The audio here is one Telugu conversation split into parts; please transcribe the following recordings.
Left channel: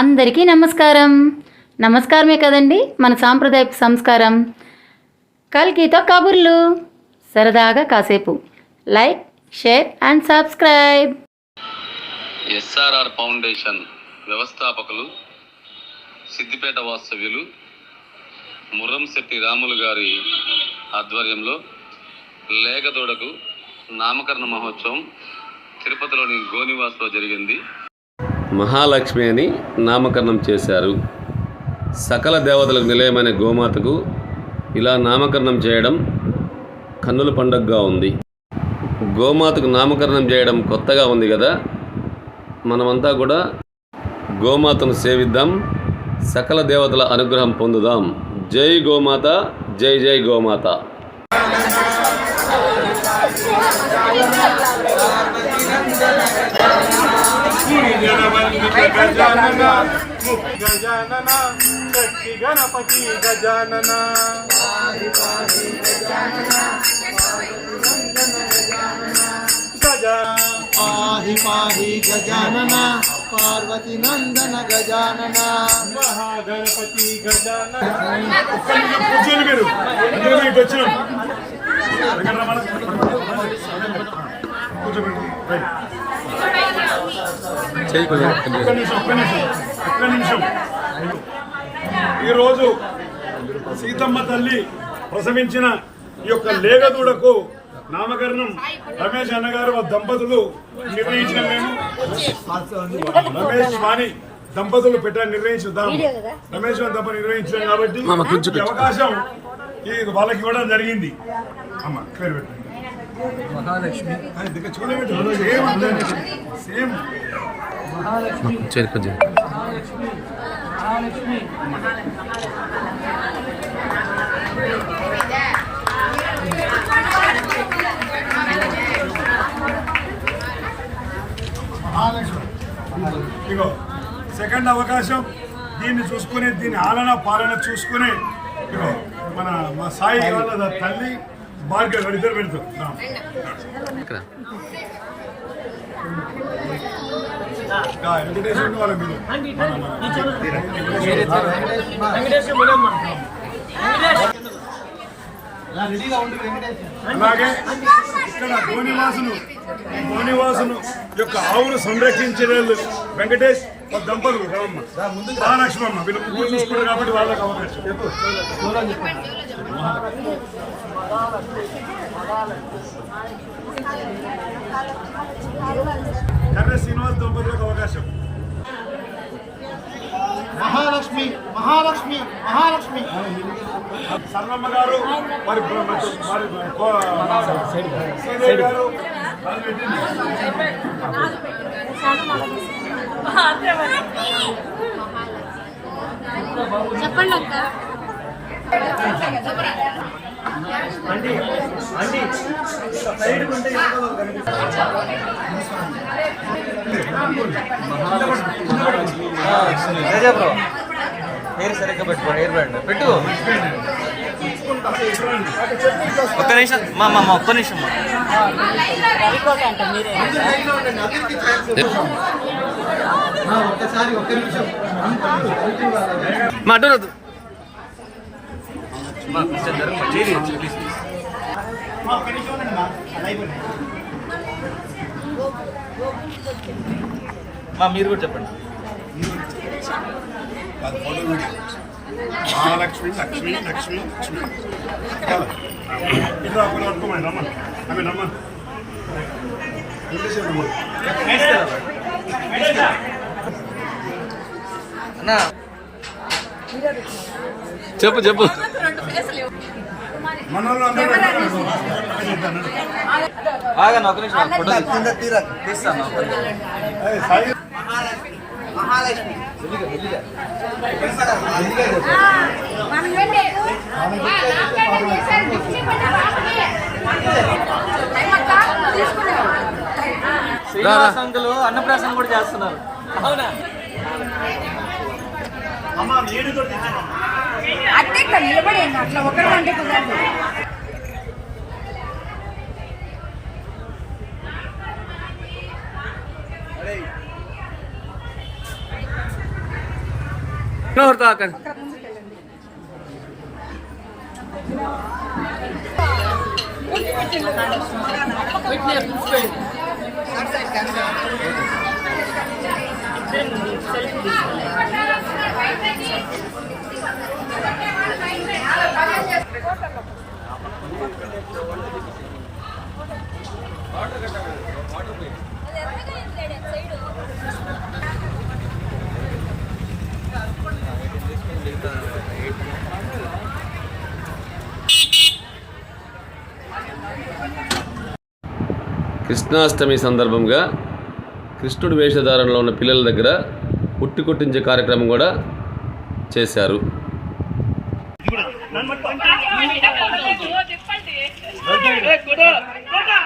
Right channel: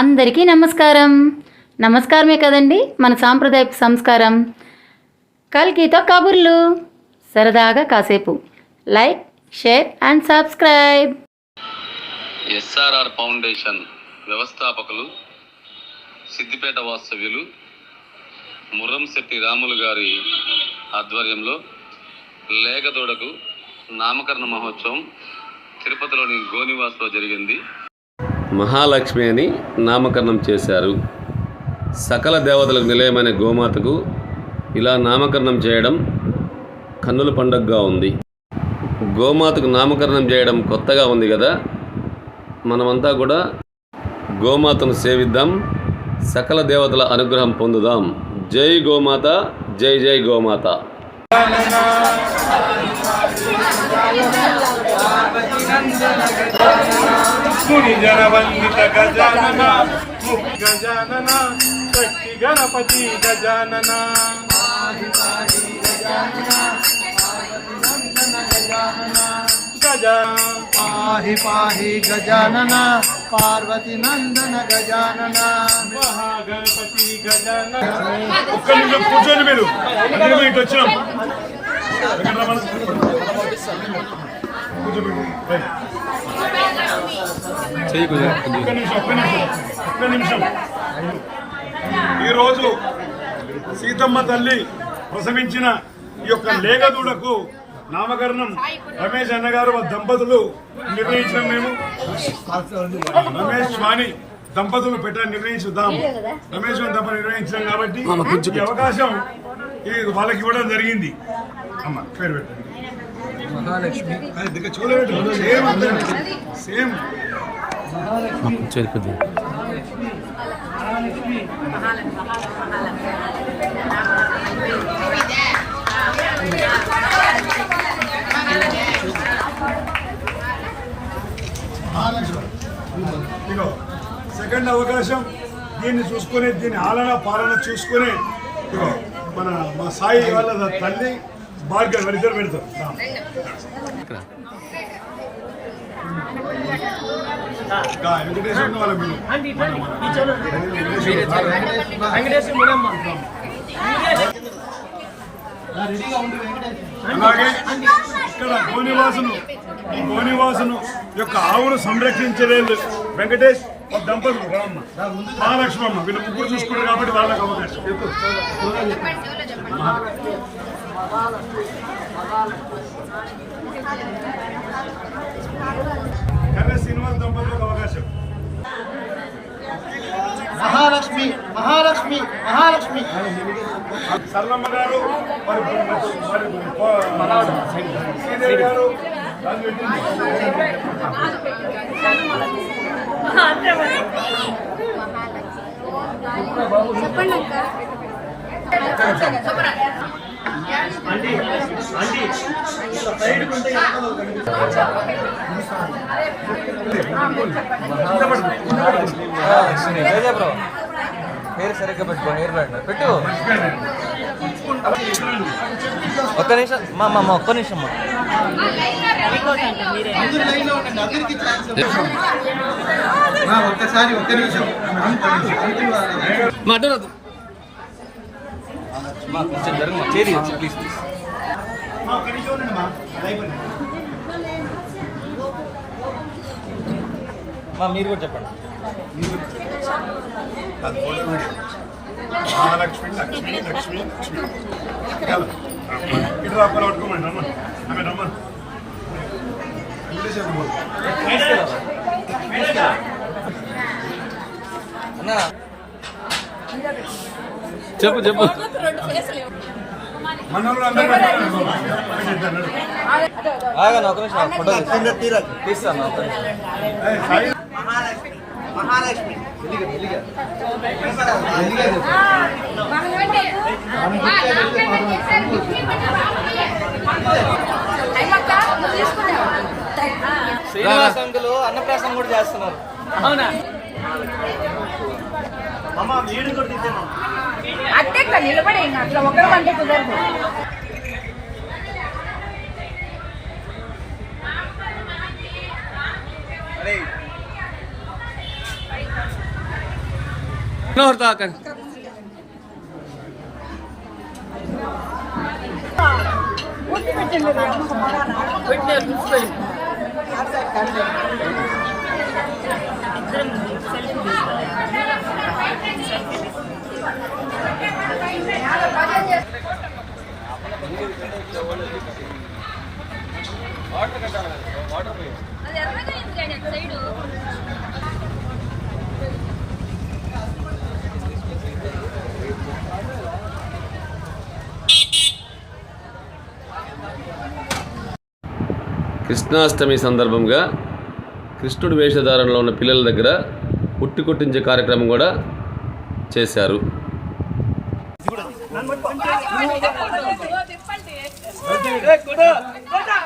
అందరికీ నమస్కారమే కదండి మన సాంప్రదాయపు సంస్కారం. కల్కితో కబుర్లు, సరదాగా కాసేపు. Like, share and subscribe. SRR foundation వ్యవస్థాపకులు, సిద్దిపేట వాస్తవ్యులు ముర్రంశెట్టి రాములు గారి ఆధ్వర్యంలో లేగదూడకు నామకరణ మహోత్సవం తిరుపతిలోని గోనివాస్లో జరిగింది. మహాలక్ష్మి అని నామకరణం చేశారు. సకల దేవతలకు నిలయమైన గోమాతకు ఇలా నామకరణం చేయడం కన్నుల పండుగగా ఉంది. గోమాతకు నామకరణం చేయడం కొత్తగా ఉంది కదా. మనమంతా కూడా గోమాతను సేవిద్దాం, సకల దేవతల అనుగ్రహం పొందుదాం. జై గోమాత, జై జై గోమాత. గుణిజనవందిత గజానన ముక్తి గజానన శక్తి గణపతి గజానన పాహి పాహి గజానన పార్వతి నందన గజానన గజా పాహి పాహి గజానన పార్వతి నందన గజానన మహాగణపతి గజానన. ఒక్క నిమిషం కూర్చోండి మీరు, అందుకే ఇటు వచ్చాం. కూర్చోబెట్టు. ఒక్క నిమిషం. ఈరోజు సీతమ్మ తల్లి ప్రసవించిన ఈ యొక్క లేగదూడకు నామకరణం రమేష్ అన్నగారు దంపతులు నిర్ణయించిన మేము రమేష్ వాణి దంపతులు నిర్ణయించుదాం. రమేష్ వాణి దంపతులు నిర్ణయించాం కాబట్టి ఈ అవకాశం వాళ్ళకి ఇవ్వడం జరిగింది. అమ్మ పేరు పెట్టండి. మహాలక్ష్మి. సేమ్ మహాలక్ష్మి. ఇగో సెకండ్ అవకాశం, దీన్ని చూసుకునే, దీని ఆలన పాలన చూసుకునే ఇగో మా సాయి వాళ్ళ తల్లి భార్గవ్ ఇద్దరు పెడతారు. వెంకటేశ్వర వాళ్ళ అలాగే ఇక్కడ గోనివాసును యొక్క ఆవును సంరక్షించలేదు వెంకటేష్ దంపతులు రామమ్మ, మహాలక్ష్మి అమ్మ, వీళ్ళు ముగ్గురు చూసుకుంటారు కాబట్టి వాళ్ళకి అవకాశం. కర్ర శ్రీనివాస్ దంపతులకు అవకాశం. మహాలక్ష్మి మహాలక్ష్మి మహాలక్ష్మి. సరళమ్మ గారు, శ్రీదేవి గారు. చెప్పండి ఒక్క నిమిషం ఒక్క నిమిషం ఒక్కసారి ఒక్క నిమిషం మాట్లాడదు. మీరు కూడా చెప్పండి. మహాలక్ష్మి లక్ష్మి లక్ష్మి లక్ష్మి. ఇటు ఒక్కరు పట్టుకోమండి. రమ్మన్ ఆమె రమ్మన్. చెప్పు చెప్పు. మన వాళ్ళు అందరూ మహాలక్ష్మి సంఘంలో అన్నప్రాసన కూడా చేస్తున్నారు. అట్లా నిలబడే అట్లా ఒకరు అంటే కుదరదు. కృష్ణాష్టమి సందర్భంగా కృష్ణుడి వేషధారణలో ఉన్న పిల్లల దగ్గర ఉట్టి కొట్టించే కార్యక్రమం కూడా చేశారు.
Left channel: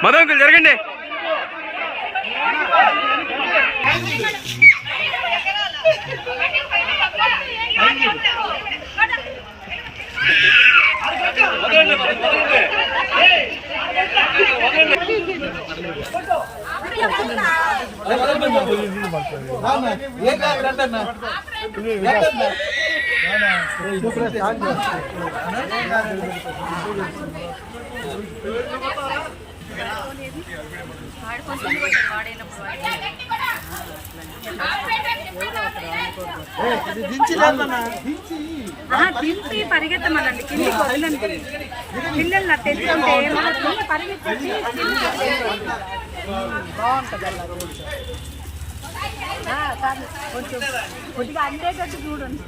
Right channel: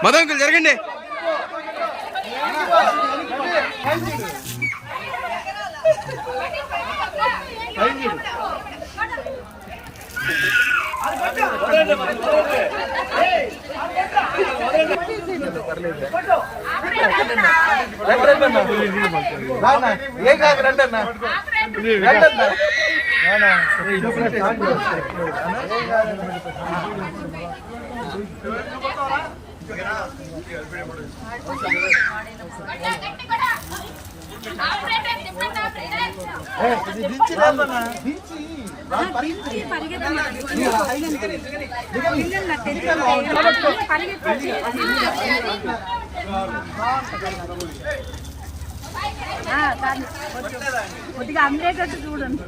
మధుంకులు జరగండి. కొద్దిగా అందేటట్టు చూడండి.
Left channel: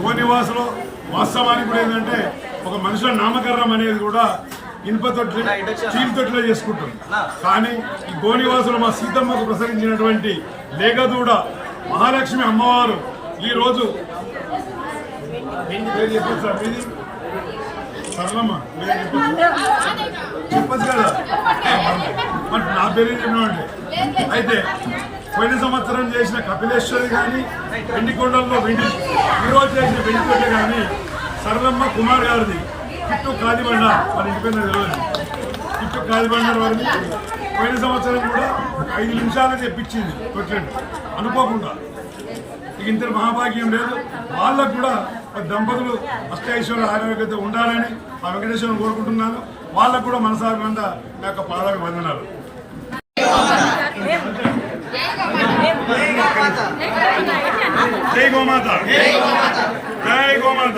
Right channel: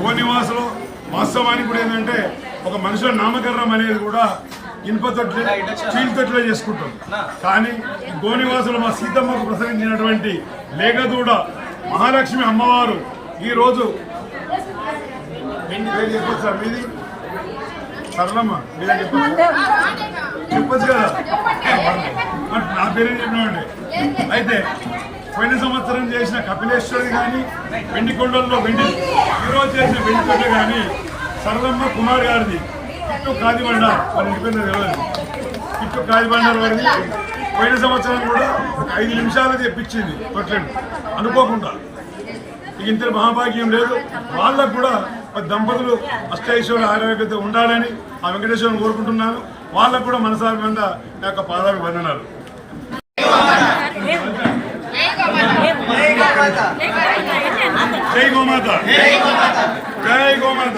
గోనివాసులు వాస్తవానికి కూడా ఏంటంటే ఒక మనుషుల నామకరణం అనేది కూడా ఇనుప తొట్టి స్టీల్ తొట్టిలో చేసుకుంటాం. కానీ ఈ గోనివాసులు మా సీతమ్మకు ప్రసవించినటువంటి లేగదూడ మహాలక్ష్మి అమ్మవారు ఈరోజు పేరు చెప్పొచ్చు సార్ మీది సరళమ్మ మీరే చెప్పచ్చు కదా మరి నా పేరు చెప్పినామండి. అయితే పోయిన సంవత్సరం చేసిన కపిలేశ్వరి కానీ వెండికొండల్లో ఈరోజు చేసిన వెండికొండ కానీ సరళమ్మ కుమార్ గారిది కిట్టు కాదిబండ మరి ఇంటి పేరు తెలియదు. కిట్టు కాదిబండారు వారిది పోయిన సంవత్సరం కూడా ఒక 5 నిమిషాలు తెప్పించింది తొట్లను అనుకోకుండా. ఇక ఇంత మహాభాగ్యం లేదు. వాళ్ళకు కూడా దంపతులు అష్టైశ్వర్య ఆరోగ్యత ఉండాలని ఆ వెంకటేశ్వరం కోరుకుంటున్నాను. వాళ్ళకు కూడా మనసారంగా నా యొక్క పాదాభివందనాలు. జై గోమాత, జై గోమాత.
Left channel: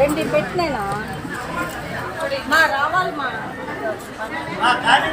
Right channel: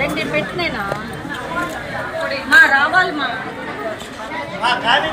రెండు పెట్టినేనా రావాలి మా కానీ